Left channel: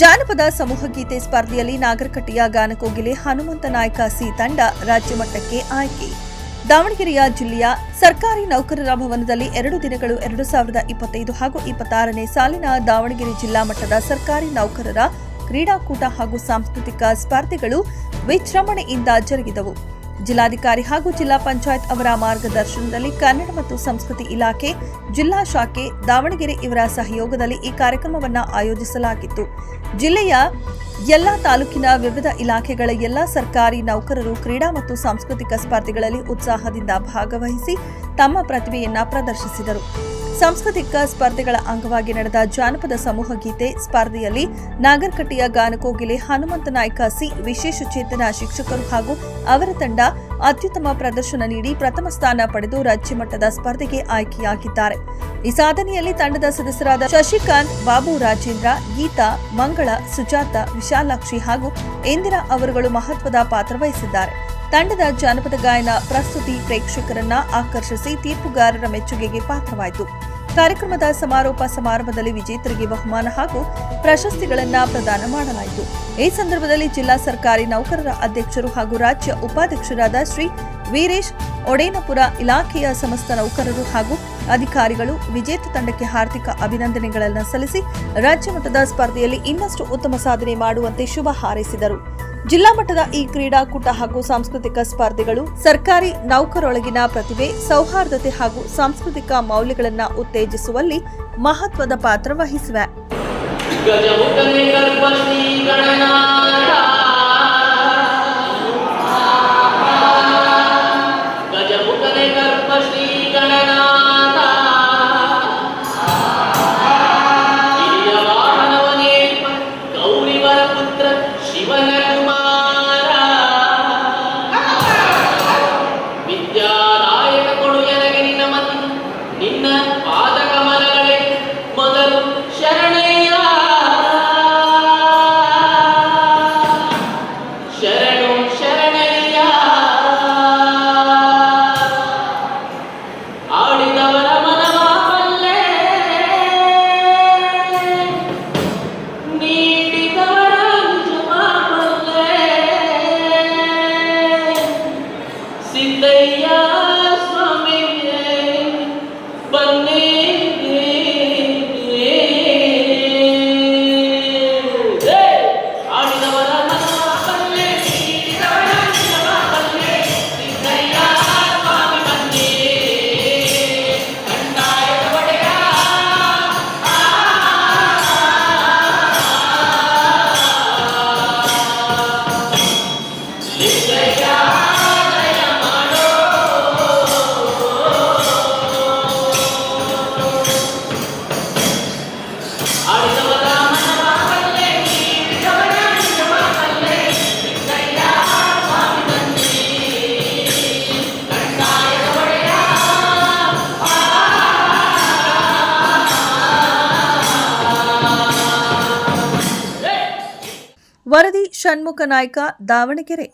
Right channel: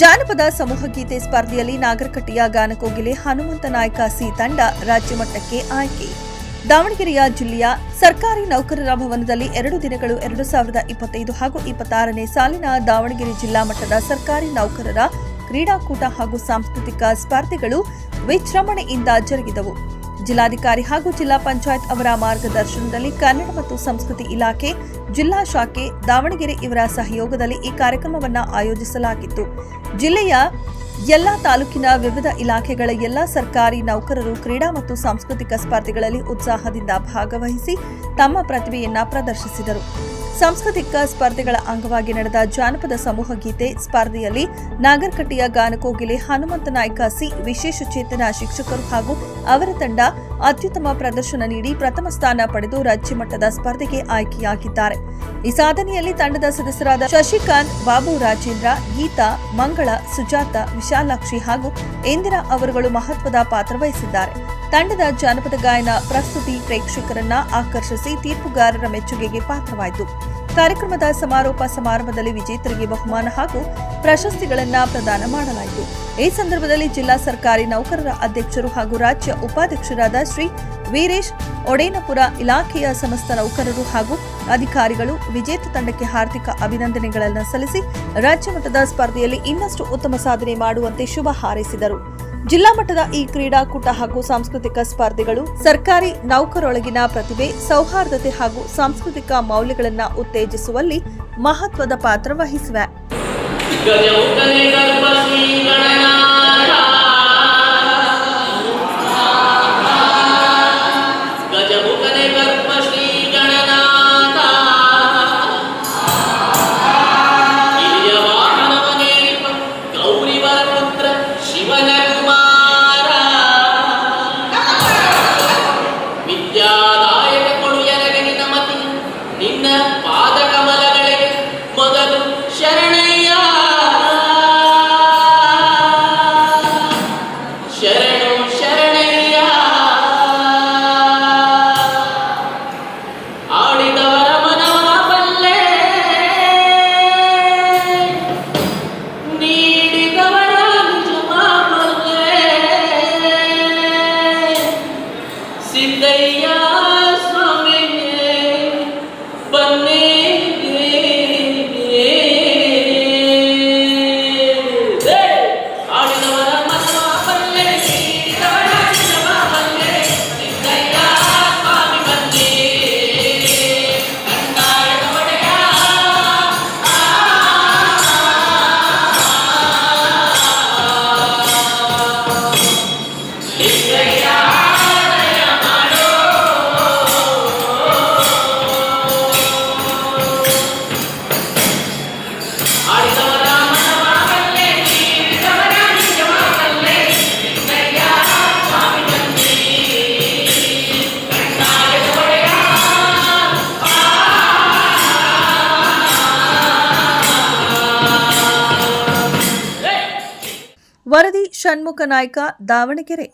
ಜಾನಪದ ಸಮೂಹ ಗೀತೆ ಸ್ಪರ್ಧೆಯಲ್ಲಿ ನಾಗರಕಟ್ಟೆಯ ಗಾನಕೋಗಿಲೆ ಹನುಮಂತ ನಾಯ್ಕ ಸಿ ತಂಡ ರಾಜ್ಯ ಮಟ್ಟಕ್ಕೆ ಆಯ್ಕೆ. ದಾವಣಗೆರೆಯ ಜಿಲ್ಲೆಯ ಸರ್ಕಾರಿ ನೌಕರರ ಭವನದಲ್ಲಿ 2 ದಿನಗಳು 2025 ಹಾಗೂ 26ನೇ ಸಾಲಿನ ದಾವಣಗೆರೆ ಜಿಲ್ಲಾ ಮಟ್ಟದ ಸರ್ಕಾರಿ ನೌಕರರ ಕ್ರೀಡಾಕೂಟ ಹಾಗೂ ಸಾಂಸ್ಕೃತಿಕ ಸ್ಪರ್ಧೆಗಳು ವಿಜೃಂಭಣೆಯಿಂದ ಜರುಗಿದವು. ಜಿಲ್ಲಾಧಿಕಾರಿ ಹಾಗೂ ಜಿಲ್ಲಾ ಪಂಚಾಯತ್ ಅವರ ಮಾರ್ಗದರ್ಶನದಲ್ಲಿ ಕನ್ನಡ ಮತ್ತು ಸಂಸ್ಕೃತಿ ಇಲಾಖೆ, ಜಿಲ್ಲಾ ಶಾಖೆ ದಾವಣಗೆರೆ ಇವರ ಸಹಯೋಗದಲ್ಲಿ ಈ ಕಾರ್ಯಕ್ರಮವನ್ನು ಆಯೋಜಿಸಲಾಗಿತ್ತು. ಜಿಲ್ಲೆಯ ಎಲ್ಲಾ ತಾಲೂಕಿನ ವಿವಿಧ ಇಲಾಖೆಗಳ ಎಲ್ಲಾ ಸರ್ಕಾರಿ ನೌಕರರು ಕ್ರೀಡಾ ಮತ್ತು ಸಾಂಸ್ಕೃತಿಕ ಸ್ಪರ್ಧೆಗಳಲ್ಲಿ ಉತ್ಸಾಹದಿಂದ ಭಾಗವಹಿಸಿ ತಮ್ಮ ಪ್ರತಿಭೆಯನ್ನ ಪ್ರದರ್ಶಿಸಿದರು. ಸಾಂಸ್ಕೃತಿಕ ಸ್ಪರ್ಧೆಗಳ ಅಂಗವಾಗಿ ನಡೆದ ಜಾನಪದ ಸಮೂಹ ಗೀತೆ ಸ್ಪರ್ಧೆಯಲ್ಲಿ ನಾಗರಕಟ್ಟೆಯ ಗಾನಕೋಗಿಲೆ ಹನುಮಂತ ನಾಯ್ಕ ಸಿ ವಿಶೇಷ ಚೇತನ ಶಿಕ್ಷಕರು ಹಾಗೂ ಅವರ ತಂಡ ಅತ್ಯುತ್ತಮ ಪ್ರದರ್ಶನ ನೀಡಿ ಪ್ರಥಮ ಸ್ಥಾನ ಪಡೆದು ರಾಜ್ಯ ಮಟ್ಟದ ಸ್ಪರ್ಧೆಗೆ ಆಯ್ಕೆಯಾಗಿದ್ದಾರೆ. ಈ ಸಾಧನೆಯಲ್ಲಿ ತಂಡದ ಸದಸ್ಯರಾದ ಶಶಿಕಾಂತ್, ಬಾಬು ರಾಜೇಂದ್ರ, ಗೀತಾ, ಮಂಗಳ, ಸುಜಾತ, ವಿಶಾಲಾಕ್ಷಿ ಹಾಗೂ ಇಂದಿರಾ ಅವರುಗಳು ಮಹತ್ವದ ಪಾತ್ರ ವಹಿಸಿದ್ದಾರೆ. ತಂಡದ ಜಾನಪದ ಗಾಯನ ಪ್ರಸ್ತುತಿ ಪ್ರೇಕ್ಷಕರನ್ನ ಆಕರ್ಷಿಸಿ ತೀರ್ಪುಗಾರರ ಮೆಚ್ಚುಗೆಗೆ ಪಾತ್ರವಾಯಿತು. ಕಾರ್ಯಕ್ರಮದ ಸಮಾರೋಪ ಸಮಾರಂಭದಲ್ಲಿ ವಿಜೇತರಿಗೆ ಬಹುಮಾನ ಹಾಗೂ ಪ್ರಶಸ್ತಿಗಳನ್ನು ಪ್ರದಾನ ಮಾಡಲಾಯಿತು. ಈ ಸಂದರ್ಭದಲ್ಲಿ ಜಿಲ್ಲಾ ಸರ್ಕಾರಿ ನೌಕರರ ಅಧ್ಯಕ್ಷರು ಹಾಗೂ ರಾಜ್ಯ ಉಪಾಧ್ಯಕ್ಷರಾದ ಶ್ರೀ ವೀರೇಶ್ ಒಡೇನಪುರ ಇಲಾಖೆಯ ಸಮಸ್ತ ನೌಕರರು ಹಾಗೂ ಅಧಿಕಾರಿಗಳು ವಿಜೇತ ತಂಡಕ್ಕೆ ಹಾರ್ದಿಕ ಅಭಿನಂದನೆಗಳನ್ನು ಸಲ್ಲಿಸಿ ರಾಜ್ಯ ಮಟ್ಟದ ಸ್ಪರ್ಧೆಯಲ್ಲಿ ಇನ್ನಷ್ಟು ಉತ್ತಮ ಸಾಧನೆ ಮಾಡುವಂತೆ ಶುಭ ಹಾರೈಸಿದರು. ಜಿಲ್ಲಾ ಮಟ್ಟದ ಈ ಕ್ರೀಡಾಕೂಟ ಹಾಗೂ ಸಾಂಸ್ಕೃತಿಕ ಸ್ಪರ್ಧೆಗಳು ಸರ್ಕಾರಿ ನೌಕರರೊಳಗಿನ ಪ್ರತಿಭೆ, ಸೌಹಾರ್ದತೆ ಹಾಗೂ ಸಾಂಸ್ಕೃತಿಕ ಮೌಲ್ಯಗಳನ್ನು ಉತ್ತೇಜಿಸುವಲ್ಲಿ ಮಹತ್ವದ ಪಾತ್ರ ವಹಿಸಿವೆ. ವರದಿ ಷಣ್ಮುಖ ನಾಯ್ಕ, ದಾವಣಗೆರೆ.